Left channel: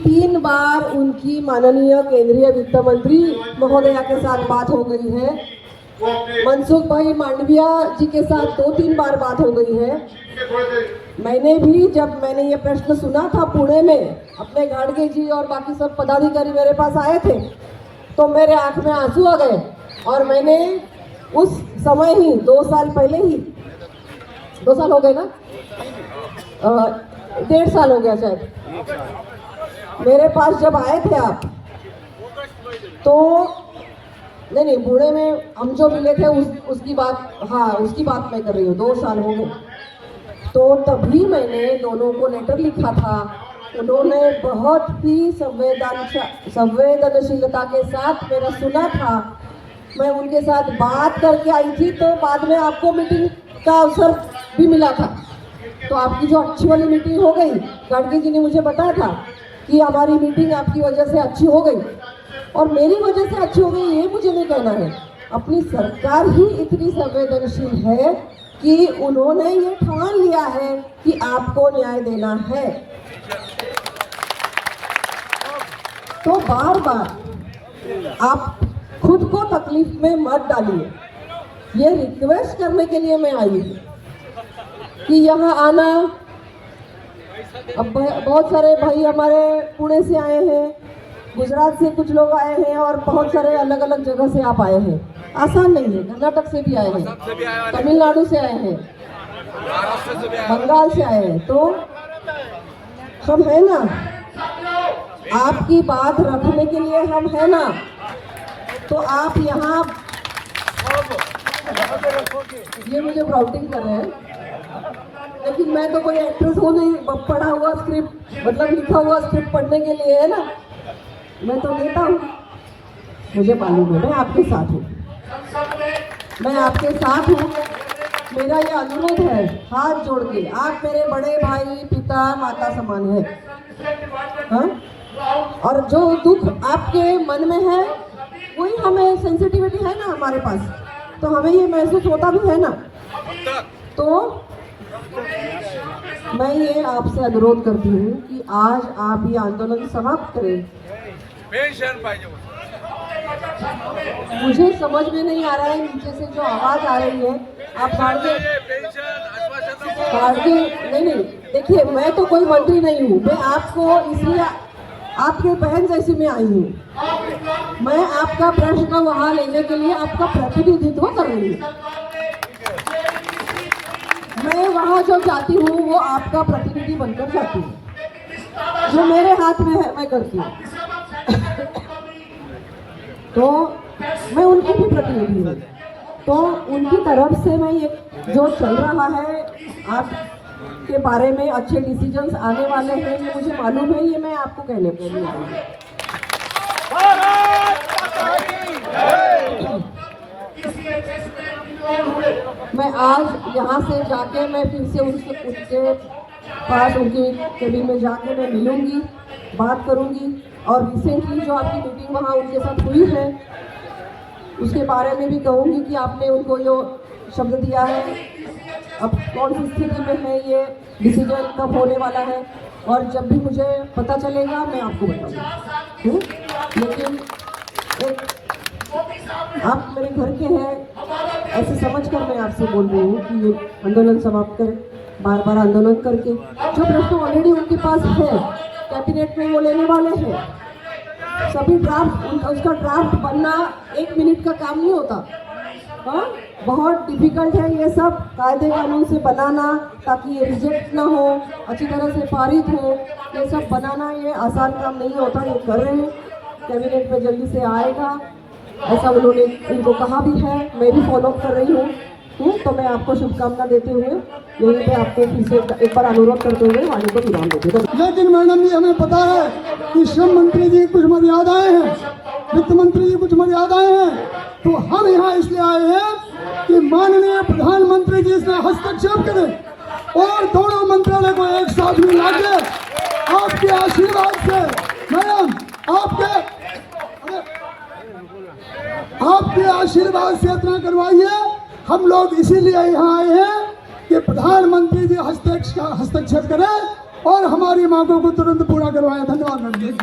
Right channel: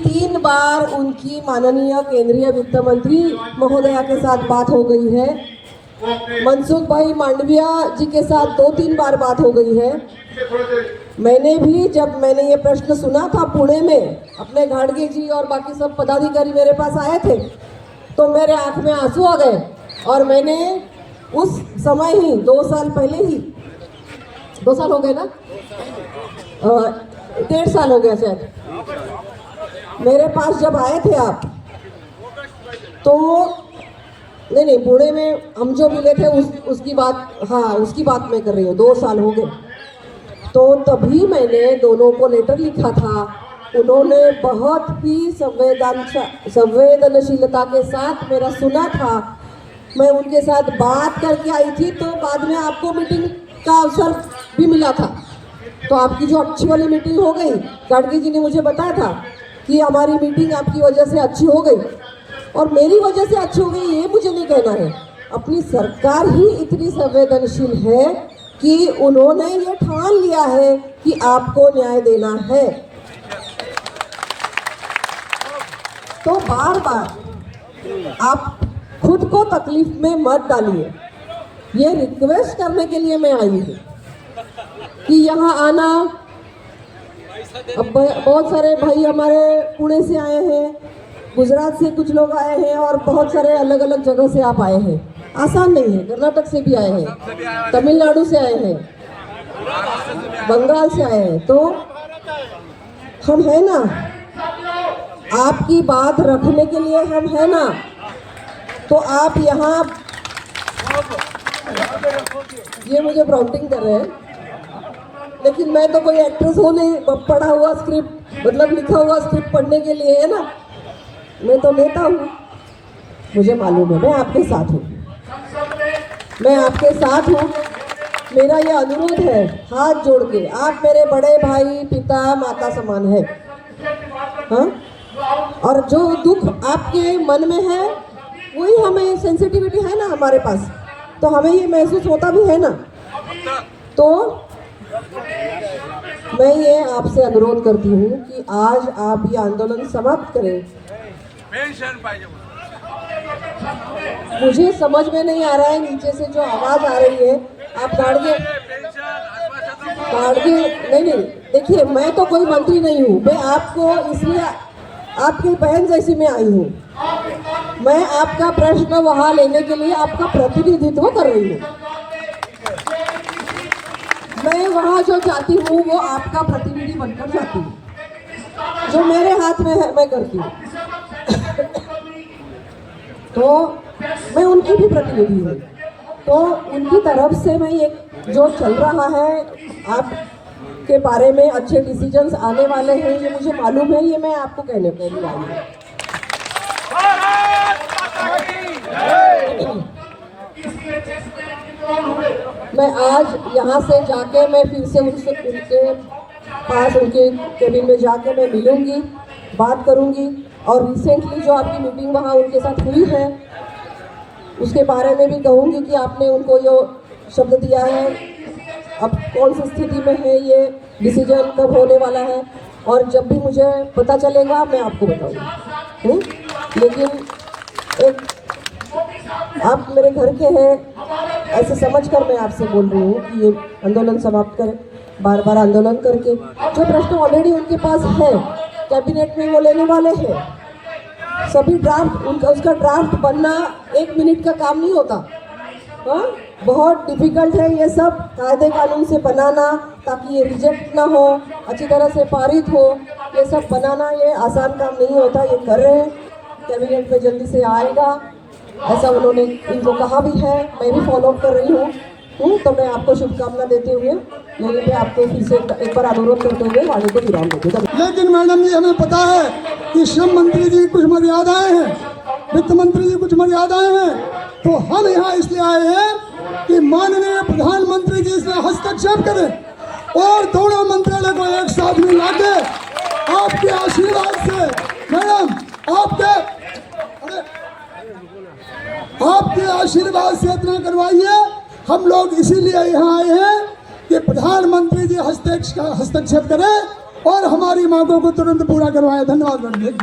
3 बार उनकी माननीय केंद्रीय वित्त मंत्री महोदया के साथ बात हो गई है। मनसुख भाई मांडविया जी के साथ 2-3 बार बात हो गई है। मैंने भी जब मैंने ये प्रश्न सुना था पुणे में, अपने घाटगे जी और बाकी सब पदाधिकारी मेरे पास आए थे, तो मेरे आंख में आंसू आ गए। और मैंने उस समय ही 2 साल पहले ही, 2 साल हो गए ना, 1.5 साल हो गया शायद, मेरे पास जब आए थे आप, तो नहीं पुणे में हम जो मिले थे उसकी बात, हाँ उसकी बात मैं कर रही हूँ, 2 साल हो गए। तो तभी मैंने दोनों को लेटर लिखा था। उन्होंने बहुत ही संवेदनशीलता के साथ मेरा सुना था। मैं उनके साथ बात करके आई थी, तो बाद में आपको मीटिंग का अवसर भी मिला था। तो आपकी जो अच्छी वाली मीटिंग हो गई, गाडगे जी ने मुझे बताया था कि हमारी मीटिंग आपकी वजह से अच्छी हो गई, और मेरी वजह से अच्छी हो गई ये मुझे नहीं कहना है। अपनी सरकार ही इतनी संवेदनशील है कि उन्होंने ये ठान लिया है कि आपको न्याय देना है। तो बार बार आप खुद को तकलीफ में मत डालिए। ये रिक्वेस्ट करने के लिए मैं आई हूँ कि यहाँ आना। अब बहुत सारे भाई हमारे पुणे से आए हैं, गुजरात से कुछ लोग आए हैं, और बहुत सारे अलग अलग जगह से आप आए हैं। आसान नहीं है, कर्नाटक से भी आए हैं, तमिलनाडु से आए हैं, बंगाल से आए हैं। तो हम है ना, आपकी बात रखने के लिए हम है ना। तो आप यहाँ, ये मुझे प्रॉम्प्टिंग कर रहे हैं, लेकिन मैं तो कोई एक्ट्रेस हो नहीं, पढ़ा हुआ स्क्रिप्ट, मतलब लिखा हुआ स्क्रिप्ट पढ़ने के लिए है ना। मैं तो नेता हूँ, मुझे मालूम है, मैं आपके साथ हूँ, मैं आपके साथ हूँ। मेरा ये अनुरोध है हाथ जोड़ के, आप मेरे बड़े भाई, पिता, माता समान है, हाँ? और जो दुख आपके मन में है वही हमें, सेंसिटिविटी है ना हमारे पास, तो हमें ये महसूस होता भी है ना। तो मैं ये आपसे अनुरोध करती हूँ कि आज आप ये आंदोलन समाप्त करें। मुझे समझ में नहीं आ रहा है, नीचे से जो आवाज आ रही है, आप गाड़िए नहीं, देखिए मैं तो कोई मंत्री नहीं हूँ, मैं आपको इसलिए आपकी बहन जैसी मैं आई हूँ। मैं आपका प्रश्न वहां लेने के लिए आपका प्रतिनिधित्व कर रही हूँ। मैं वहां जो जाती हूँ वो आपका प्रतिनिधि बनकर जाती हूँ, जो मेरे हाथ में है मैं करती हूँ। तो मैं उनकी भी प्रतिनिधि हूँ, तो उनकी तरफ से मैं ये जो चल रहा है आपके बारे में, अच्छे डिसीजंस आने वाले हैं, ये मुझे मालूम है, ये मैं आपको कहने के लिए आई हूँ। मैं आज यहाँ से जाके मैं फिर से उनके पास, उनके केबिन में जाके मैं मिलूंगी, बात करूंगी, और रिसेंटली जो आपकी मीटिंग वहाँ उनके साथ हुई है उसके बारे में भी कहूँगी कि आपने उनको ये शब्द दिया है, अब कौन सी स्थिति में है, ये डिसीजन कब होने वाला है, और जब भी मुझे पता चलेगा मैं आपको बताऊँगी। लेकिन एक आप मेरे घर के हैं ऐसे समझकर मैं आपसे बोल रही हूँ कि ये आंदोलन समाप्त करें। बार बार आंदोलन करके जो प्रश्न ऑलरेडी उनके पास है, कैबिनेट में वो लेने वाले हैं, सभी ड्राफ्ट, उसका ड्राफ्ट बनना 1 मिनट का काम नहीं होता, हाँ? बहुत डिफिकल्ट है ये सब कायदे कानून से बनाना, ताकि ये रिजेक्ट ना हो, अच्छी तरह से पारित हो। ये सब बनाना ये आसान काम नहीं होता, ये कर रहे हैं, कैबिनेट में जल्दी से आएगा ऐसा उन्होंने इनको कहा भी है, मैं भी फॉलो कर रही हूँ। तो मैं आपको शुभकामना देते हुए यही पे आपको फिर से एक बार अनुरोध करते हुए वाणी को विराम देती हूँ। लेकिन मैडम जी, हमें पता है कि श्रम मंत्री जी कुछ मर्यादाएं हैं, वित्त मंत्री जी कुछ मर्यादाएं हैं, तो हम यहाँ इसलिए आए हैं कि माननीय प्रधानमंत्री जी इसमें हस्तक्षेप करें और दोनों मंत्रालय को एक साथ में लाके आपके आशीर्वाद से, मैडम आपके आशीर्वाद से इतना करवाइए। हम लोग इसीलिए यहाँ आए हैं कि प्रधानमंत्री जी हस्तक्षेप करें और हमारी मांगों को तुरंत पूरा करवाएं। धन्यवाद मैडम जी।